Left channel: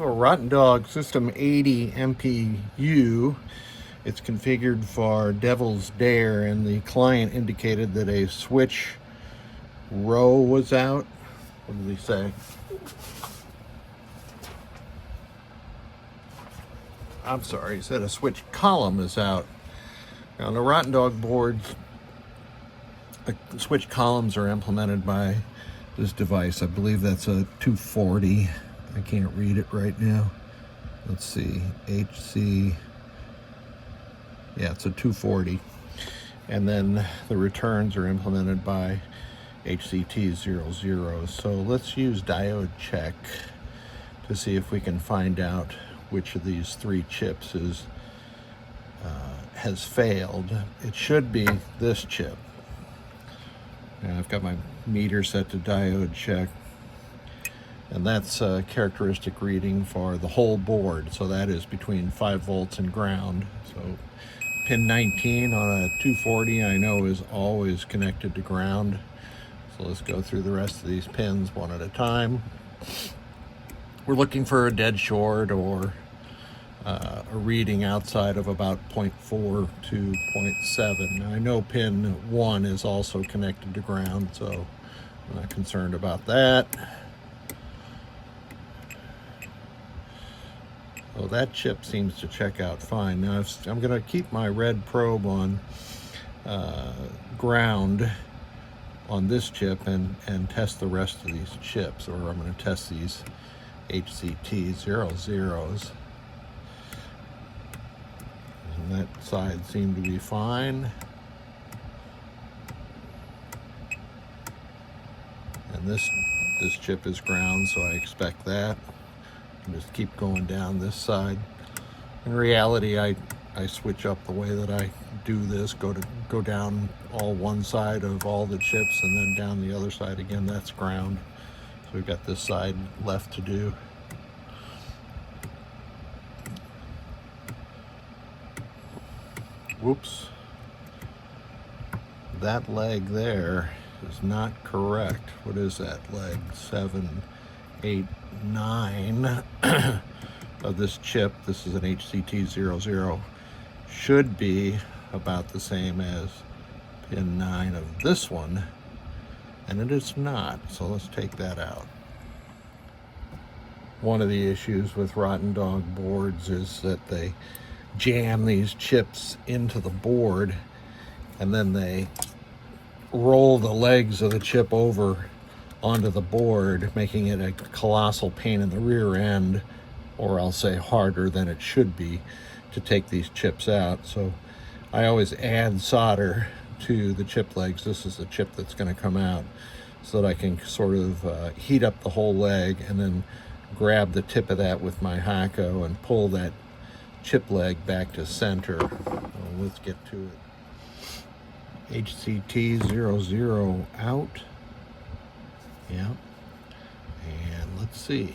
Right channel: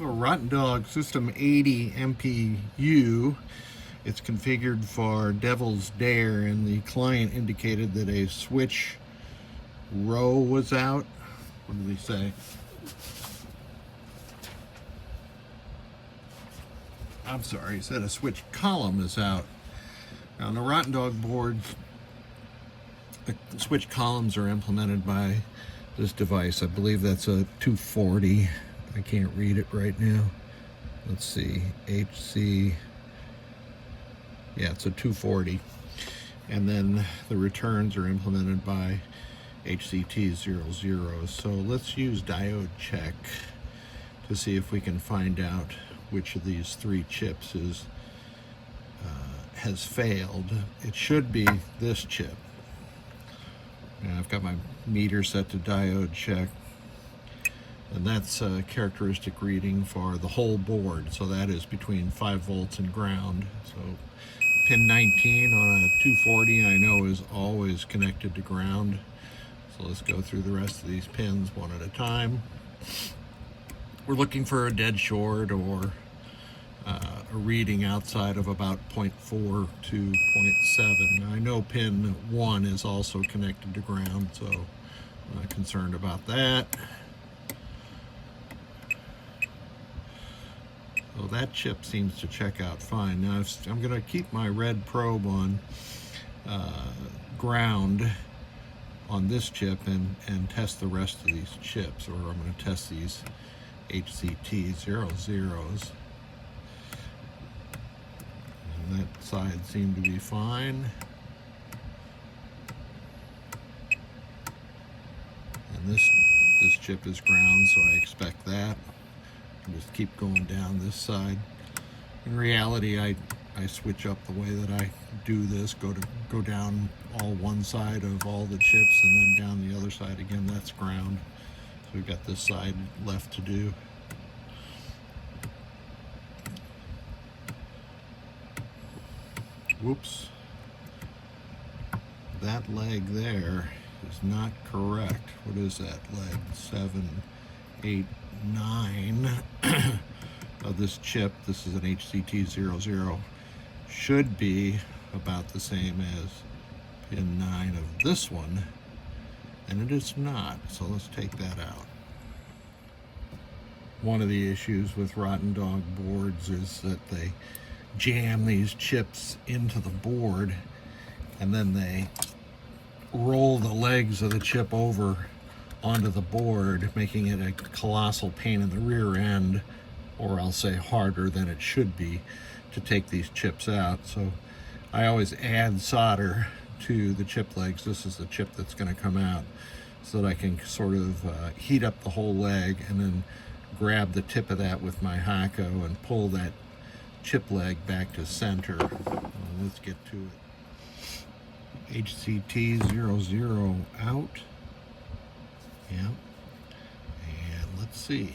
a RottenDog System 80 MPU. It's configured for Devil's Dare, and the client indicated that a switch row was out. What did he say? I'm sorry, he said a switch column is out. Now, on the RottenDog boards, the switch columns are implemented by this device. I believe that's a 240. I can't read it right now. Let's see, HC. Yeah, it's a 240. And then the returns are implemented by HCT00. So let's use diode check to see if we can find out which of these three chips has failed. It should be this chip. And I've got my meter set to diode check. And that's a characteristic reading for the whole board. So that is between 5 volts and ground. So pin 19 on a 240 I know is always connected to ground. So let's go through the rest of these pins one at a time. We're looking for a dead short or a reading outside of about 0.4 to 0.7. Now I know pin 1 is also connected to ground, so I'm not concerned about that. So that chip seems to check out fine. Now I'm going to keep my red probe on ground on this chip and test the rest of these chips, or I'm going to test these HCT00s. And that side seemed to be fine. And this chip is ground, so I expect that. And just keep going down this side. In reality, I switch up the way that I do this, go down all one side of all the chips and then down the other side again. That's ground. So we've got this side left to do. Whoops. That leg there is not correct. What is that leg? 7, 8, 9 of this chip. This is an HCT00. Should be about the same as pin 9 of this one, and it is not. So let's take that out. One of the issues with RottenDog boards is that they jam these chips into the board and then they roll the legs of the chip over onto the board, making it a colossal pain in the rear end, or I'll say harder than it should be, to take these chips out. So I always add solder to the chip legs. This is the chip that's going to come out, so that I can sort of heat up the whole leg and then grab the tip of that with my Hako and pull that chip leg back to center. Well, let's get to it. HCT00 out. Yeah. And let's see.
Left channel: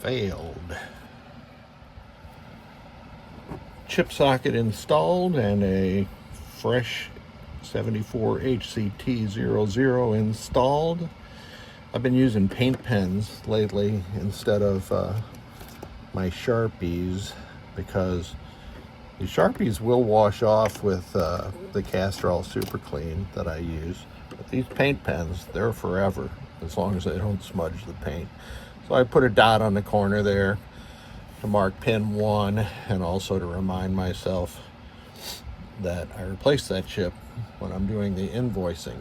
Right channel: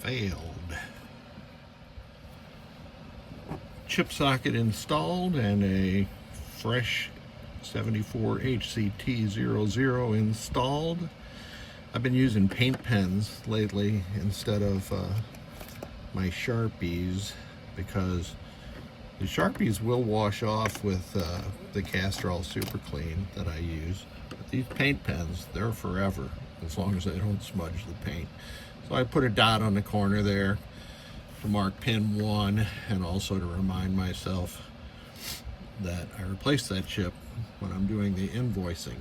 Failed. Chip socket installed and a fresh 74 HCT00 installed. I've been using paint pens lately instead of my Sharpies, because the Sharpies will wash off with the Castrol Super Clean that I use. But these paint pens, they're forever, as long as they don't smudge the paint. So I put a dot on the corner there to mark pin 1, and also to remind myself that I replaced that chip when I'm doing the invoicing.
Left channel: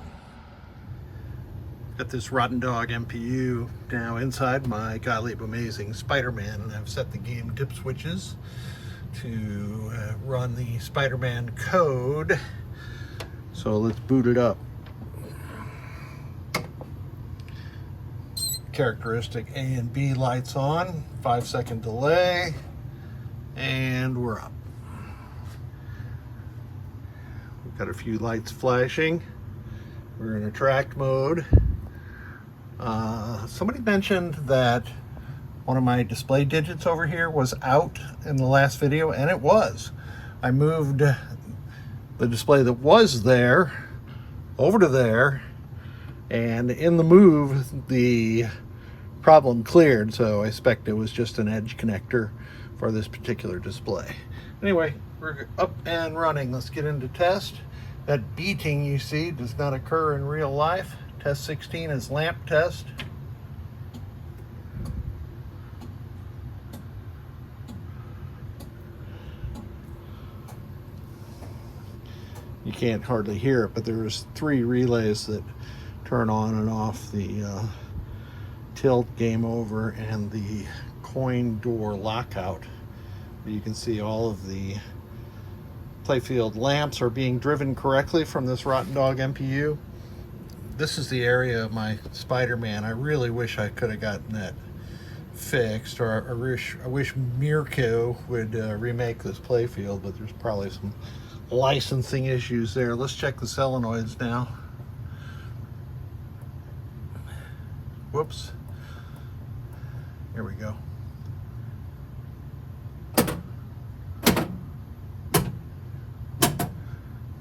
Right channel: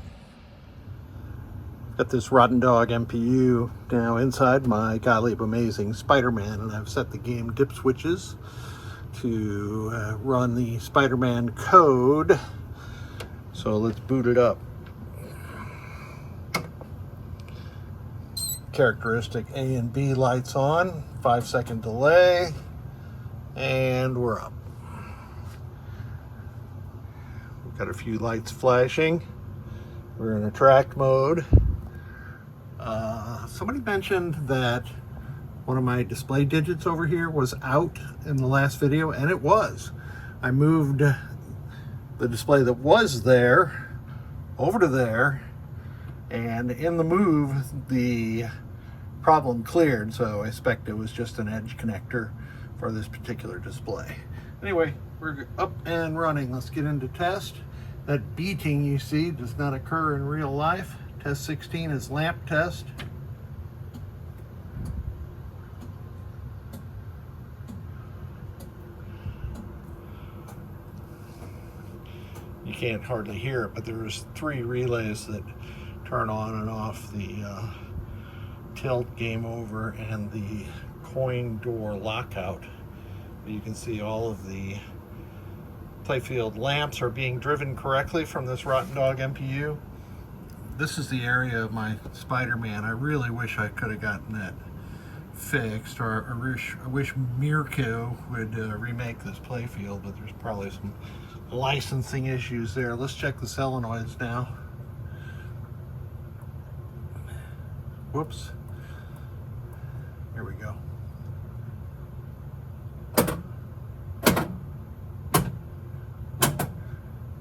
Got this RottenDog MPU now inside my Gottlieb Amazing Spider-Man, and I've set the game dip switches to run the Spider-Man code. So let's boot it up. Characteristic A and B lights on, 5-second delay, and we're up. We've got a few lights flashing. We're in attract mode. Somebody mentioned that one of my display digits over here was out in the last video, and it was. I moved the display that was there over to there, And in the move, the problem cleared, so I suspect it was just an edge connector for this particular display. Anyway, we're up and running. Let's get into test. That beating you see does not occur in real life. Test 16 is lamp test. You can't hardly hear it, but there's 3 relays that turn on and off the tilt, game over, and the coin door lockout. You can see all of the playfield lamps are being driven correctly from this RottenDog MPU. This is the area of my Spider-Man. I really wish I could have gotten that fixed, or I wish Mirko would remake this playfield, but there's probably some licensing issues there. Let's check the solenoids now. Whoops. Here we go.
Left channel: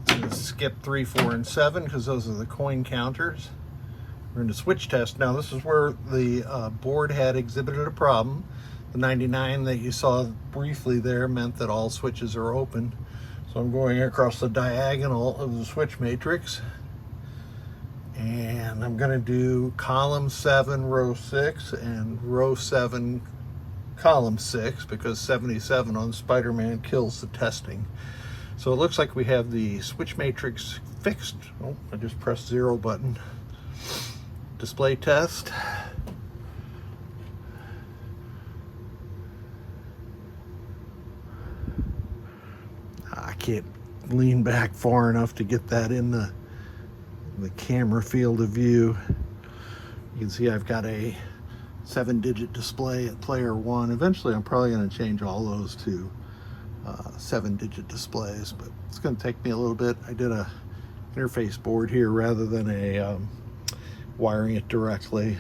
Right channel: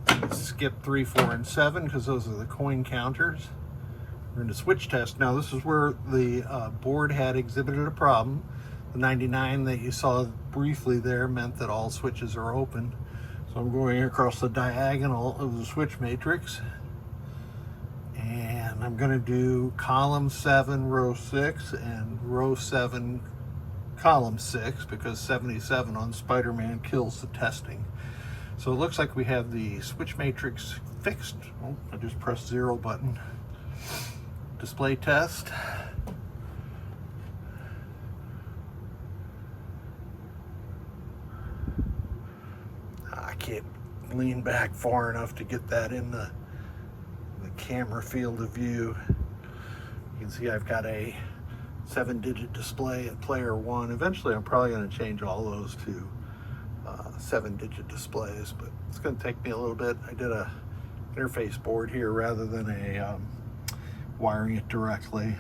Let's skip 3, 4, and 7 because those are the coin counters. We're going to switch test. Now this is where the board had exhibited a problem. The 99 that you saw briefly there meant that all switches are open. So I'm going across the diagonal of the switch matrix. And I'm going to do column 7, row 6, and row 7, column 6, because 77 on Spider-Man kills the testing. So it looks like we have the switch matrix fixed. Oh, I just pressed 0 button. Display test. I can't lean back far enough to get that in the camera field of view. You can see I've got a 7-digit display at player 1. Eventually I'm probably going to change all those to 7-digit displays, but it's going to take me a little bit. I did a interface board here rather than a wiring it directly.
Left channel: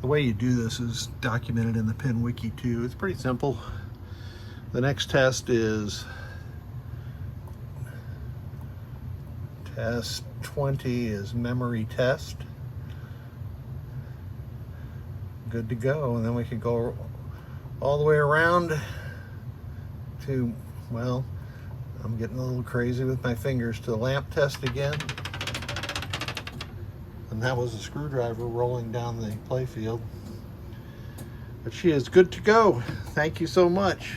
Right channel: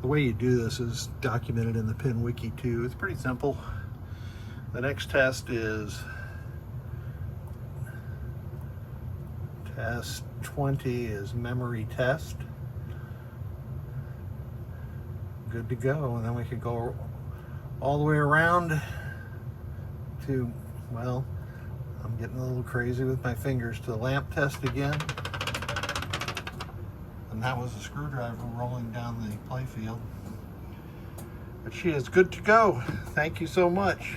The way you do this is documented in the pin wiki too. It's pretty simple. The next test is test 20 is memory test. Good to go, and then we can go all the way around to, well, I'm getting a little crazy with my fingers, to lamp test again. And that was a screwdriver rolling down the playfield. But she is good to go. Thank you so much.